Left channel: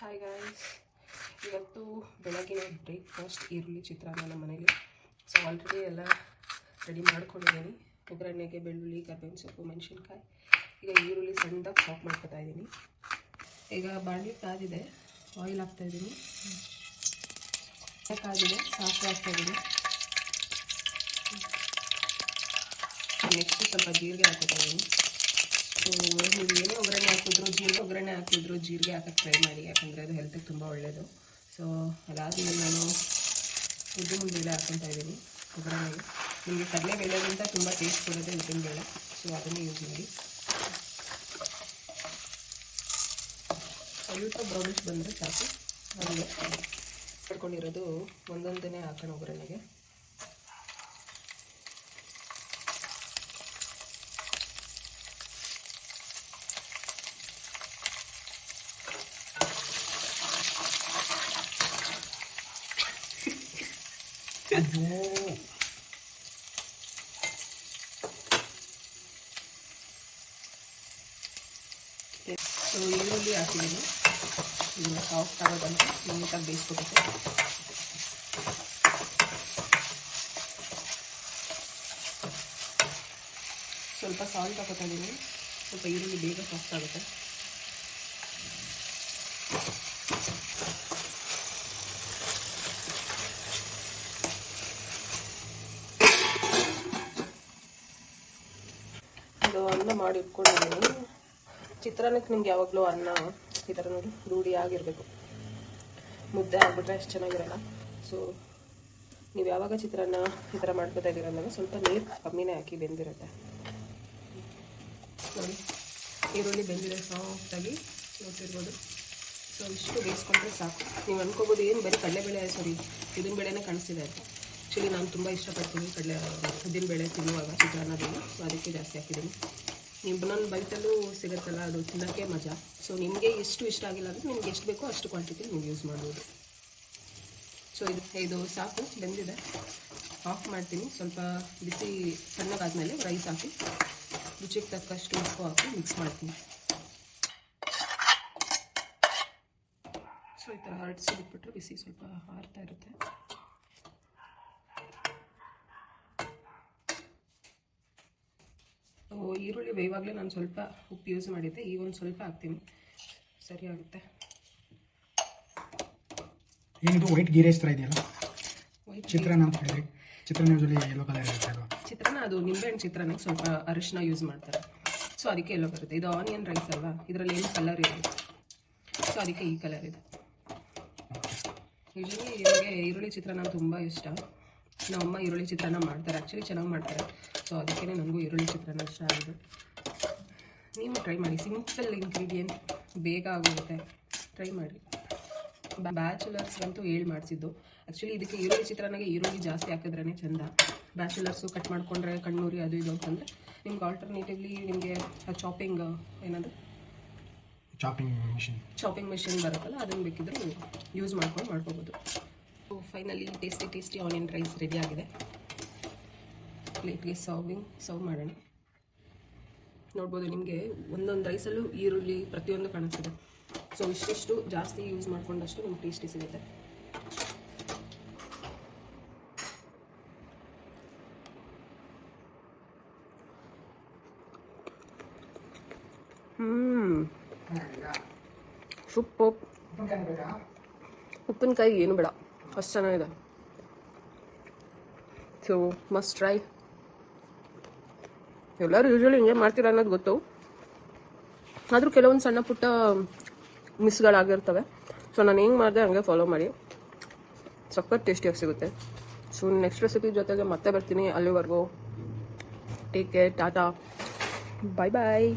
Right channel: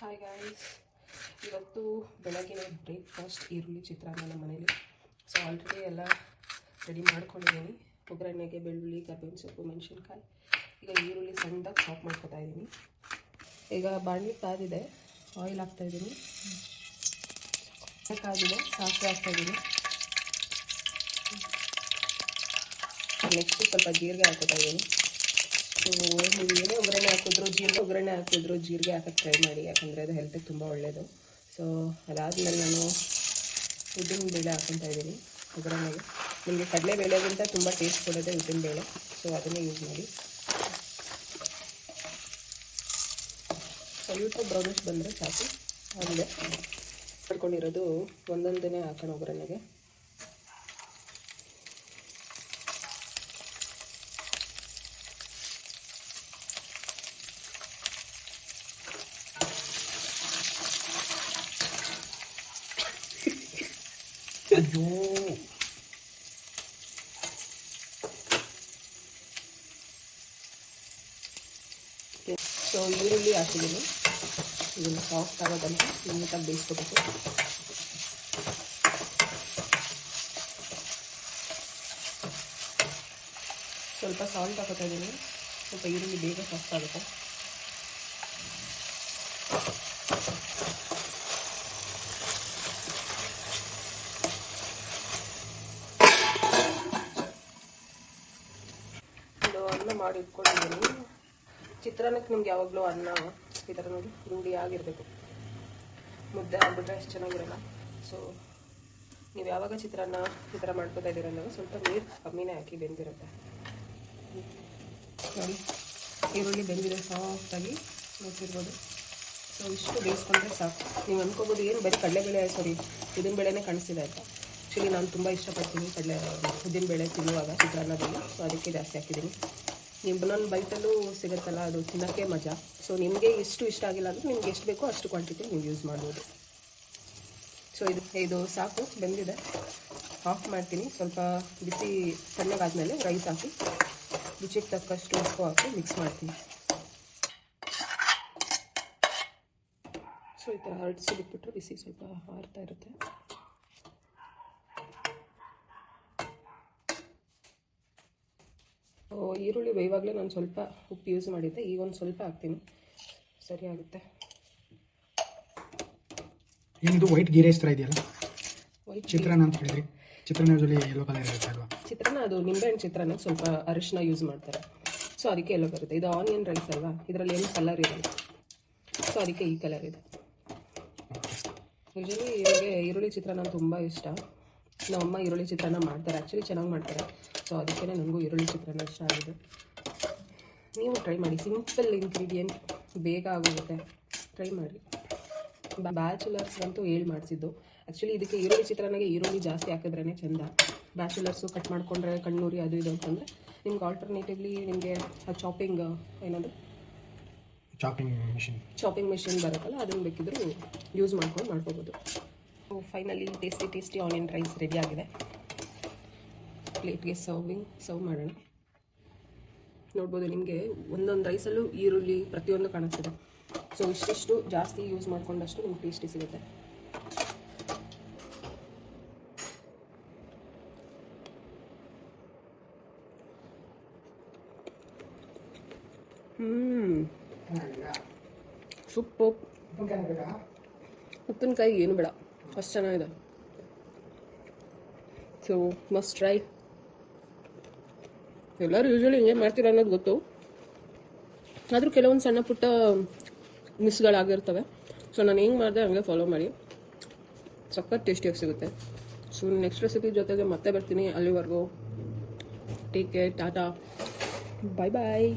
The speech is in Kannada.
ಹಾಯ್ ಗಾಯ್ಸ್, ಇವತ್ತು ಬೆಳಗಿನ ಬ್ರೇಕ್ಫಾಸ್ಟ್ ಈರುಳ್ಳಿ ಚಿತ್ರಾನ್ನ ನಮ್ಮ ಮನೇಲಿ. ಸೊ ಆಲ್ರೆಡಿ ಎಲ್ಲ ರೆಡಿ ಮಾಡ್ಕೊಂಡಿದ್ದೀನಿ. ಒಗ್ಗರಣೆಗೆ ಬೆಳ್ಳುಳ್ಳಿ, ಕರ್ಬೇವಿನ ಸೊಪ್ಪು, ಮೆಣಸಿನ್ಕಾಯಿ. ಈಗ ಈರುಳ್ಳಿ ಸಣ್ಣದಾಗಿ ಚಾಪ್ ಮಾಡ್ಕೊತಾ ಇದ್ದೀನಿ. ಈಗ ಬಾಣಲಿ ಕಾದಿದೆ, ಆಯಿಲ್ ಹಾಕ್ತಾಯಿದ್ದೀನಿ. ಕಾದಿದೆ, ಸಾಸಿವೆ ಹಾಕ್ತಾಯಿದ್ದೀನಿ. ನೆಕ್ಸ್ಟ್ ಸ್ವಲ್ಪ ಜೀರಿಗೆ ಹಾಕೋತಾ ಇದ್ದೀನಿ. ಸೊ ನೀವು ಏನೇ ಒಗ್ಗರಣೆ ಹಾಕಿದ್ರು ಜೀರಿಗೆ ಹಾಕೋಕ್ಕೆ ಟ್ರೈ ಮಾಡಿ, ಯಾಕಂದರೆ ಅದು ಹೆಲ್ತಿಗೆ ತುಂಬ ಒಳ್ಳೆಯದು. ಸೊ ಅದಾದಮೇಲೆ ನಾನು ಉದ್ದಿನಬೇಳೆ ಹಾಕ್ಕೊತಾ ಇದ್ದೀನಿ ಒಗ್ಗರಣೆಗೆ. ನಿಮಗೆ ಕಡಲೆಬೇಳೆಗಿಂತ ತುಂಬ ಟೇಸ್ಟ್ ಕೊಡೋದೇ ಉದ್ದಿನಬೇಳೆ, ಸೊ ಅದನ್ನು ಯೂಸ್ ಮಾಡಿ. ಸ್ವಲ್ಪ ಬ್ರೌನಿಶ್ ಬಂದರೆ ಸಾಕು. ಆಮೇಲೆ ಮಾಡ್ಕೊಂಡಿರೋದು ಒಂದೊಂದನೇ ಹಾಕೋಣ ಒಗ್ಗರಣೆಗೆ. ಸೊ ಈರುಳ್ಳಿ ಹಾಕಿದ್ದೀನಿ. ಇದನ್ನು ಸಾಫ್ಟ್ ಆಗೋದಂತ ನೀಟಾಗಿ ಬೇಯಿಸ್ಕೊಬೇಕು. ಸ್ವಲ್ಪ ಸಾಲ್ಟ್ ಹಾಕೋತಾ ಇದ್ದೀನಿ, ಸ್ವಲ್ಪ ಈರುಳ್ಳಿ ಬೇಗ ಸಾಫ್ಟ್ ಆಗುತ್ತೆ. ಅನ್ನ ಮಾಡಿ ಇಟ್ಕೊಂಡಿದ್ದೀನಿ. ಚಿತ್ರಾನ್ನಕ್ಕೆ ನಿಮ್ಗೆ ಯಾವಾಗಲೂ ಅನ್ನ ಈ ಥರ ನೋಡಿ ರೂಢಿ ಆಗಿರಬೇಕು. ಮುದ್ದೆ ಆಗಿಬಿಟ್ರೆ ಅಷ್ಟು ಚೆನ್ನಾಗಿರಲ್ಲ. ಸೊ ನೀವು ಯಾವಾಗ ಚಿತ್ರಾನ್ನ ಈ ಥರ ಮಾಡ್ಕೋದಾಗಿರಲ್ಲ, ಸ್ವಲ್ಪ ನೀರು ಕಮ್ಮಿನೇ ಹಾಕಿ ಬೆಂದಿರುತ್ತೆ ನೋಡಿ. ಈರುಳ್ಳಿ ಬೆಂದಿದೆ ಸಾಫ್ಟಾಗಿ ನೋಡ್ತಿರ್ಬೋದು. ಸೊ ಇಷ್ಟು ಬೇಯಿಸ್ಕೊಂಡ್ರೆ ಸಾಕು. ನೀವು ಅಂದ್ಕೋಬೋದು ಏನು ಬರೀ ಉದ್ದಿನಬೇಳೆನೇ ಕಾಣಿಸ್ತಿದೆ ಅಂತ. ಆ್ಯಕ್ಚುಲಿ ನಾನು ತುಂಬ ಇಷ್ಟಪಡ್ತೀನಿ ಉದ್ದಿನಬೇಳೆ ತಿನ್ನುವಾಗ ಚಿತ್ರಾನ್ನದಲ್ಲಿ. ಸೊ ಅದಕ್ಕೆ ಜಾಸ್ತಿ ಹಾಕಿದ್ದೀನಿ. ನೀವು ನನ್ನ ಬೈಟಲ್ಲೂ ಸಿಗುತ್ತಲ್ಲ, ಅದು ತಿನ್ನೋಕ್ಕೆ ಮಜಾ. ಸೊ ನಿಮಗೆ ಎಷ್ಟು ಇಷ್ಟ ಆಗಿಲ್ಲ ಅಂದರೆ ನಿಮ್ಗೆ ಎಷ್ಟು ಬೇಕೋ ಅಷ್ಟು ಕ್ವಾಂಟಿಟಿ ನೀವು ಯೂಸ್ ಮಾಡ್ಬೋದು. ಸೊ ಇದು ಸಾಕು, ಬೆಂದಿದೆ. ಆಫ್ ಮಾಡ್ತೀನಿ. ಸ್ವಲ್ಪ ಬಿಸಿ ಸಣ್ಣಗಾದ್ಮೇಲೆ ರೈಸ್ ಹಾಕಿ ರುಚಿಗೆ ತಕ್ಕಷ್ಟು ಉಪ್ಪು ಹಾಕಿ ಮಿಕ್ಸ್ ಮಾಡ್ತೀನಿ. ಸೊ ಈ ಥರ ಹರಡಿಸಿ ಬಿಟ್ಬಿಟ್ರೆ ಬಿಸಿ ಸ್ವಲ್ಪ ಹಾರ್ತಾ ಇರುತ್ತೆ. ಈರುಳ್ಳಿ ಬೇಯುವಾಗಲೇ ನಾನು ಸ್ವಲ್ಪ ಉಪ್ಪು ಯೂಸ್ ಮಾಡಿದ್ದೆ, ಈಗ ಒಂದು ಸ್ವಲ್ಪ ಹಾಕ್ತೀನಿ, ಸರಿ ಆಗುತ್ತೆ. ಏನಿದು ವೈಟ್ ಗೀ ರೈಸ್ ಥರ ಇದೆಯಲ್ಲ, ಚಿತ್ರಾನ್ನ ಅಂತ ಹೇಳಿದ್ರಿ. ಚಿತ್ರಾನ್ನ ಯೂಶಲಿ ಯೆಲ್ಲೋ ಕಲರ್ ಇರುತ್ತೆ ಅಲ್ವಾ? ಚಿತ್ರಾನ್ನ ಅದು ನಿಂಬೆಹಣ್ಣು ಚಿತ್ರಾನ್ನಕ್ಕೆ ಸ್ವಲ್ಪ ಅರಿಶಿನ ಯೂಸ್ ಮಾಡ್ತಾರೆ, ಸೊ ಅದಕ್ಕೆ ಎಲ್ಲೋ ಬರುತ್ತೆ. ಇದು ಆನಿಯನ್ ರೈಸ್ ಅಲ್ವಾ, ಇದರಲ್ಲಿ ಏನು ಕಲರ್ ಇದೆ, ಸೊ ಅದಕ್ಕೆ ಈ ಕಲರ್ ಇದೆ. ಯೂಶಲಿ ಇವರಿಗೆ ಈರುಳ್ಳಿ ಚಿತ್ರಾನ್ನ ತುಂಬ ಇಷ್ಟ. ನಮ್ಮಮ್ಮ ಈರುಳ್ಳಿ ಚಿತ್ರಾನ್ನ ಮಾಡ್ತಾರೆ, ಆ್ಯಕ್ಚುಲಿ ಚೆನ್ನಾಗಿ ಮಾಡ್ತಾರೆ. ಸೊ ಅದಕ್ಕೆ ನನಗೂ ಈರುಳ್ಳಿ ಚಿತ್ರಾನ್ನ ಇಷ್ಟ ಆಗಿದೆ. ನೀವು ಟ್ರೈ ಮಾಡಿ, ಸಿಂಪಲ್ ಇಂಗ್ರೀಡಿಯೆಂಟ್, ಬೇಗ ಆಗೋಗುತ್ತೆ, ಟ್ರೈ ಮಾಡಿ. ಬ್ಯಾಚುಲರ್ಸ್ಗಂತೂ ಮಾಡಿಸಿದ್ದು. ಆ್ಯಕ್ಚುಲಿ ಇದಕ್ಕೆ ಈರುಳ್ಳಿ ಚಿತ್ರಾನ್ನಗೆ ಈರುಳ್ಳಿ ಜಾಸ್ತಿ ಹಾಕಿದ್ರೇ ಚೆಂದ. ಬ್ಯಾಚುಲರ್ಸು ಕಟ್ ಮಾಡಿಕೊಂಡ್ರೆ ಕಣ್ಣೂರಿ ಅದು ಇದು ಅಂತಂದರೆ ನಿಮ್ಗೆ ಆಲ್ಟರ್ನೇಟಿವ್ಲಿ ನಿಮಗೆ ಚಾಪಿಂಗ್ ಮಿಷಿನ್ ಬರುತ್ತಲ್ಲ, ಅದನ್ನು ಬೇಕಿದ್ರೂ ಯೂಸ್ ಮಾಡ್ಕೋಬೋದು. Finally tasty onion rice ready ಆಗಿದೆ. ಪ್ಲೇಟ್ಗೆ ಸರ್ವ್ ಮಾಡೋಣ. ನೋಡ್ಬೋದು, ನಿಮಗೆ ಒಂದೊಂದು ರೈಸಲ್ಲೂ ಈರುಳ್ಳಿ ಪ್ರತಿಯೊಂದು ಕಾಣಿಸ್ತಿದೆ. ಸೊ ಇಷ್ಟಿಷ್ಟು ಜಾಸ್ತಿ ಯೂಸ್ ಮಾಡ್ಕೊಂಡಷ್ಟು ನಿಮ್ಗೆ ಟೇಸ್ಟಿ ಸಿಗುತ್ತೆ. ಸೂಪರ್. ಉಪ್ಪಿನಕಾಯಿ ಏನು ಬೇಡ, ಅಷ್ಟು ಚೆನ್ನಾಗಿದೆ. So must try. ಎಲ್ಲರೂ ಯೂಶಲಿ ಹಿಂಗೆ ಮಾಡ್ತೀರ ಅನ್ನೋದು ಗೊತ್ತು, ಆದರೂ ಕೆಲವೊಂದು ಸಣ್ಣ ಪುಟ್ಟ ಮಿಸ್ಗಳಾಗಿರ್ತವೆ. ಸೊ ನಾನು ಹೆಂಗೆ ಮಾಡಿದೆ ಹಂಗೆ ಫಾಲೋ ಮಾಡಿ, ಸಖತ್ ಟೇಸ್ಟಿಯಾಗಿ ಸಿಗುತ್ತೆ. ಸೊ ನೆಕ್ಸ್ಟ್ ರೆಸಿಪಿ ಜೊತೆಗೆ ಮತ್ತೆ ಬರ್ತೀನಿ. ಅಲ್ಲಿವರೆಗೂ ಟೇಕ್ ಕೇರ್, ಟಾಟಾ, ಬಾಯ್ ಬಾಯ್.